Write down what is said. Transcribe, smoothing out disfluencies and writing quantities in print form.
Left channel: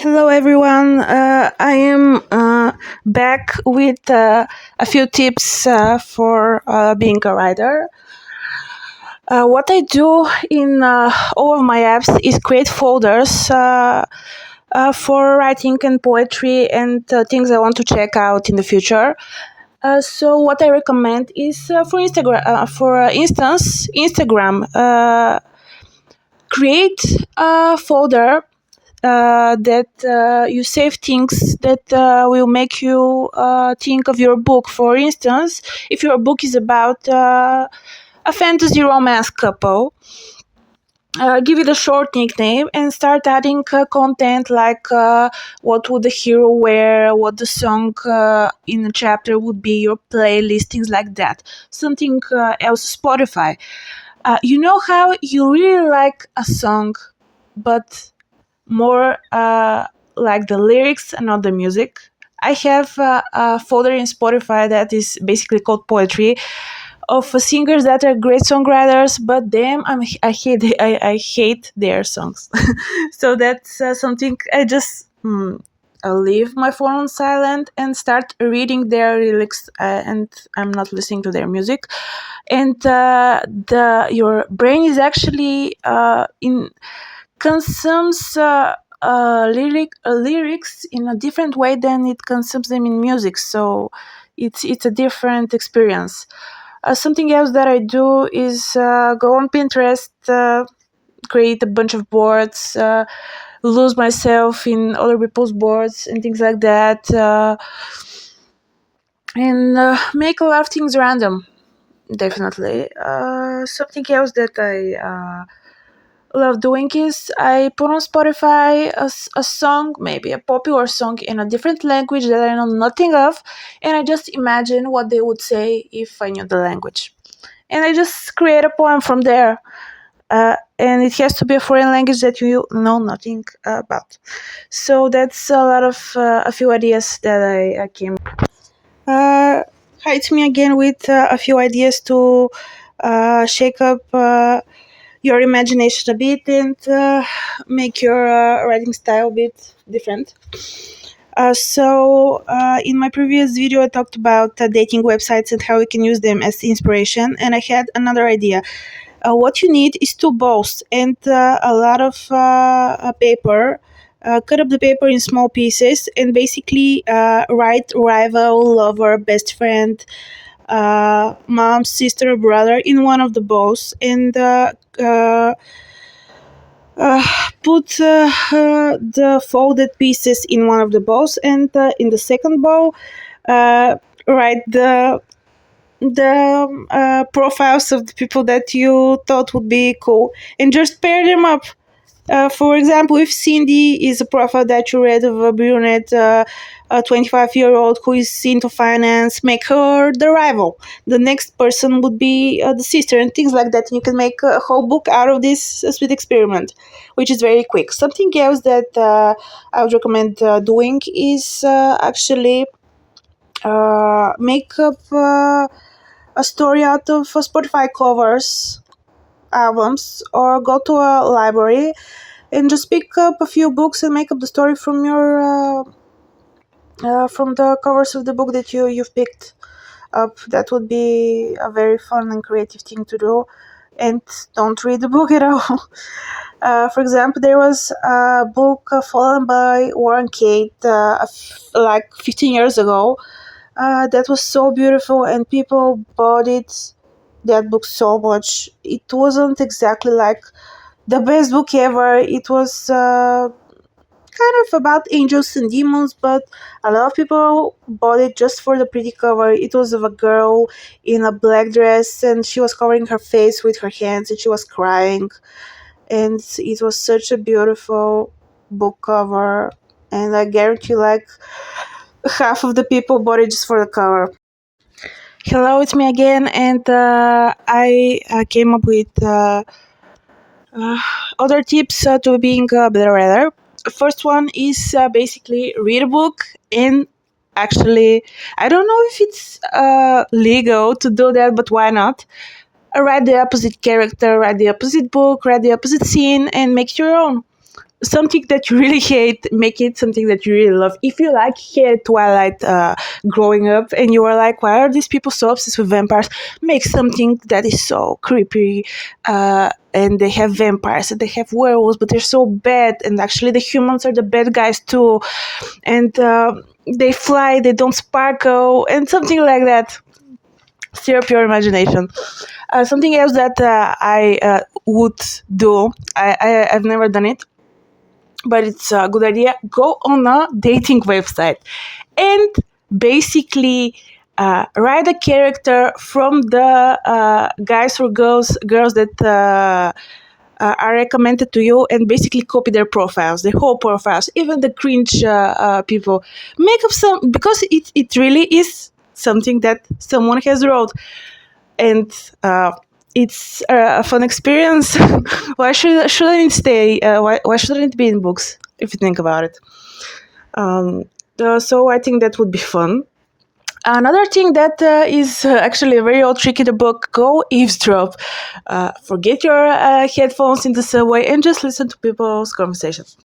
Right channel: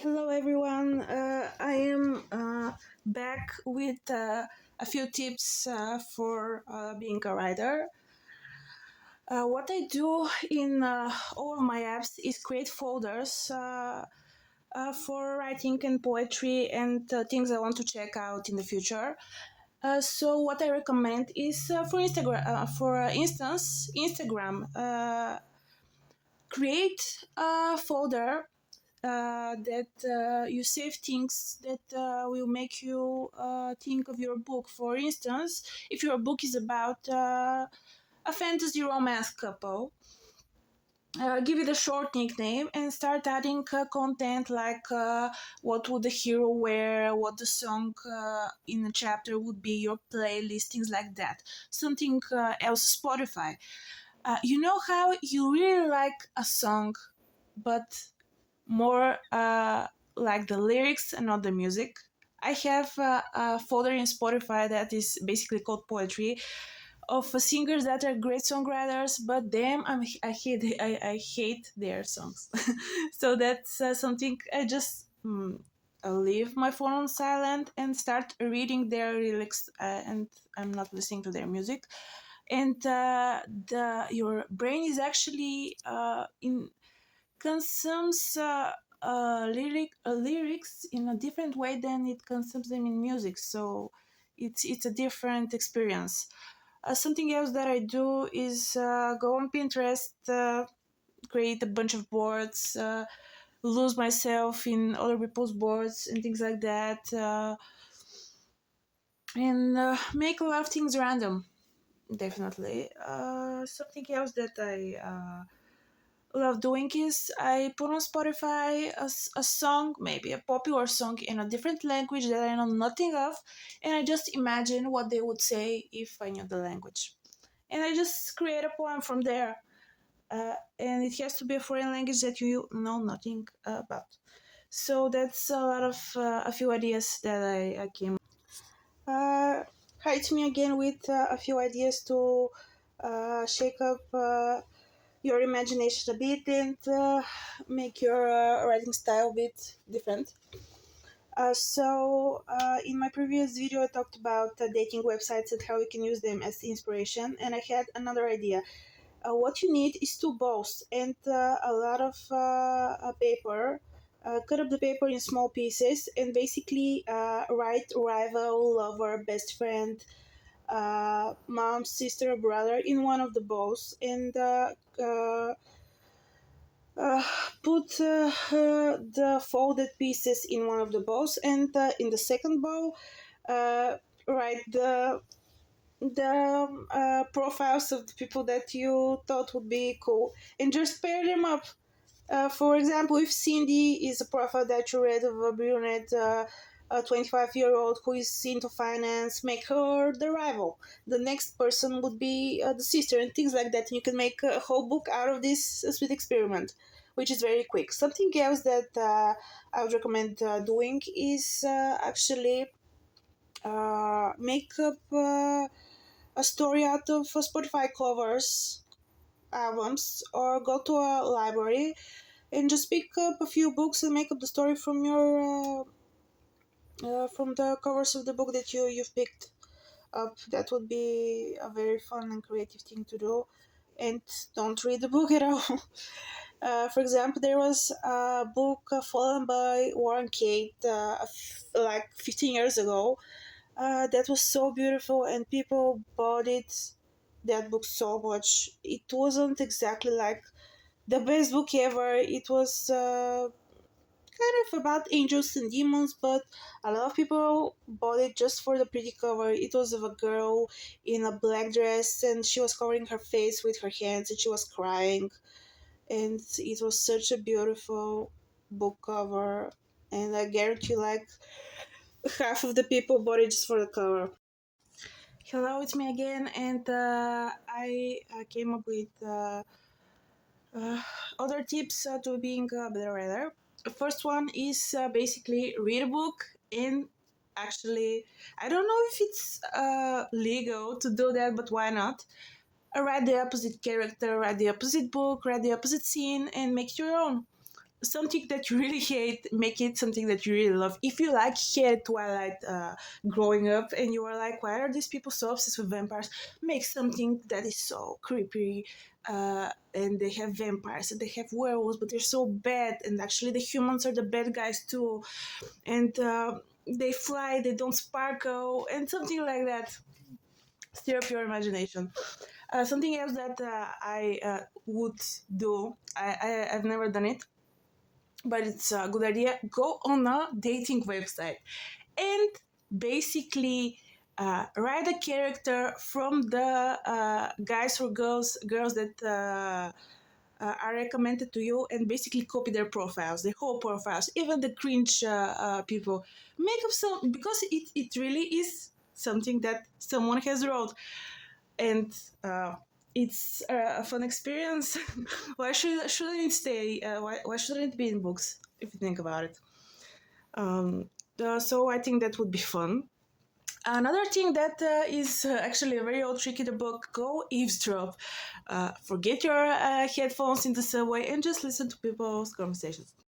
Hello, everyone. I am back with a few tips for being a writer. What I do in all of my apps is create folders for writing and poetry and things I want to check out in the future. So what I recommend is for Instagram, for instance, Instagram. Create a folder that you save things that will make you think of your book. For instance, if your book is about a fantasy romance couple, give it a short nickname and start adding content like what would the hero wear, what the song in a chapter would be, your playlist, things like that. Something else, Spotify. You know how you really like a song, but more like the lyrics and not the music. I have a folder in Spotify that is basically called poetry of singers that are great songwriters, but I hate their songs. So that's something I just I'll leave my phone on silent and start reading their lyrics, and I'm not listening to their music. And the your brain is actually in consumes lyrics in a different way than it consumes them in music. So it's a different experience. Something else that I do is go on Pinterest, create a bunch of boards, lose myself in other people's boards and things like that, and make a lot of things random. Definitely. Something else that I love doing is I put on Spotify a song, maybe a popular song in a different language that I know nothing of, and I just imagine what they would say if I knew the language. And I just create a poem from there. And it has to be a foreign language that you know nothing about. So that's a few ideas that I came. Hi, it's me again with a few ideas to shake up your imagination a bit and make your writing style a bit different. In my previous video, I talked about dating websites and how we can use them as inspiration, and I had another idea. What you need is two balls and a lot of paper. Cut up the paper in small pieces and basically write rival, lover, best friend, mom, sister, brother in one of the balls, and uh, put the folded pieces in one of the balls, and in the second ball, write the profiles of the people that you thought would be cool, and just pair them up. For example, if Cindy is a profile that you read of a brunette, a 25-year-old who is into finance, make her the rival. The next person would be the sister, and things like that. And you can make a whole book out of this sweet experiment, which is very quick. Something else that I would recommend doing is actually make up a story out of Spotify covers, albums, or go to a library and just pick up a few books and make up the story from your from the covers of the book that you've picked up. That would be a very fun and creative thing to do. And don't read the book at all. For example, there was a book Fallen by Warren Kate like 15 years ago. That was so beautiful, and people bought that book so much. It wasn't exactly like the best book ever. It was kind of about angels and demons, but a lot of people bought it just for the pretty cover. It was of a girl in a black dress, and she was covering her face with her hands, and she was crying. And it was such a beautiful book cover, and I guarantee like half of the people bought it just for the cover. Hello, it's me again, and I came up with uh, other tips to being a better writer. First one is basically read a book, and actually, I don't know if it's legal to do that, but why not? Write the opposite character, write the opposite book, write the opposite scene, and make it your own. something that you really hate, make it something that you really love. If you like hate Twilight growing up and you are like, why are these people so obsessed with vampires, make something that is so creepy, and they have vampires and they have werewolves, but they're so bad, and actually the humans are the bad guys too, and they fly, they don't sparkle, and something like that. Stir up your imagination. Something else that I would do, I've never done it, but it's a good idea. Go on a dating website and basically write a character from the guys or girls that are recommended to you, and basically copy their profiles, their whole profiles, even the cringe people. Make up some, because it really is something that someone has wrote, and it's a fun experience. Why shouldn't it stay? Why shouldn't it be in books? If you think about it. So I think that would be fun. Another thing that is actually a very old trick in the book: go eavesdrop. Forget your headphones in the subway and just listen to people's conversations.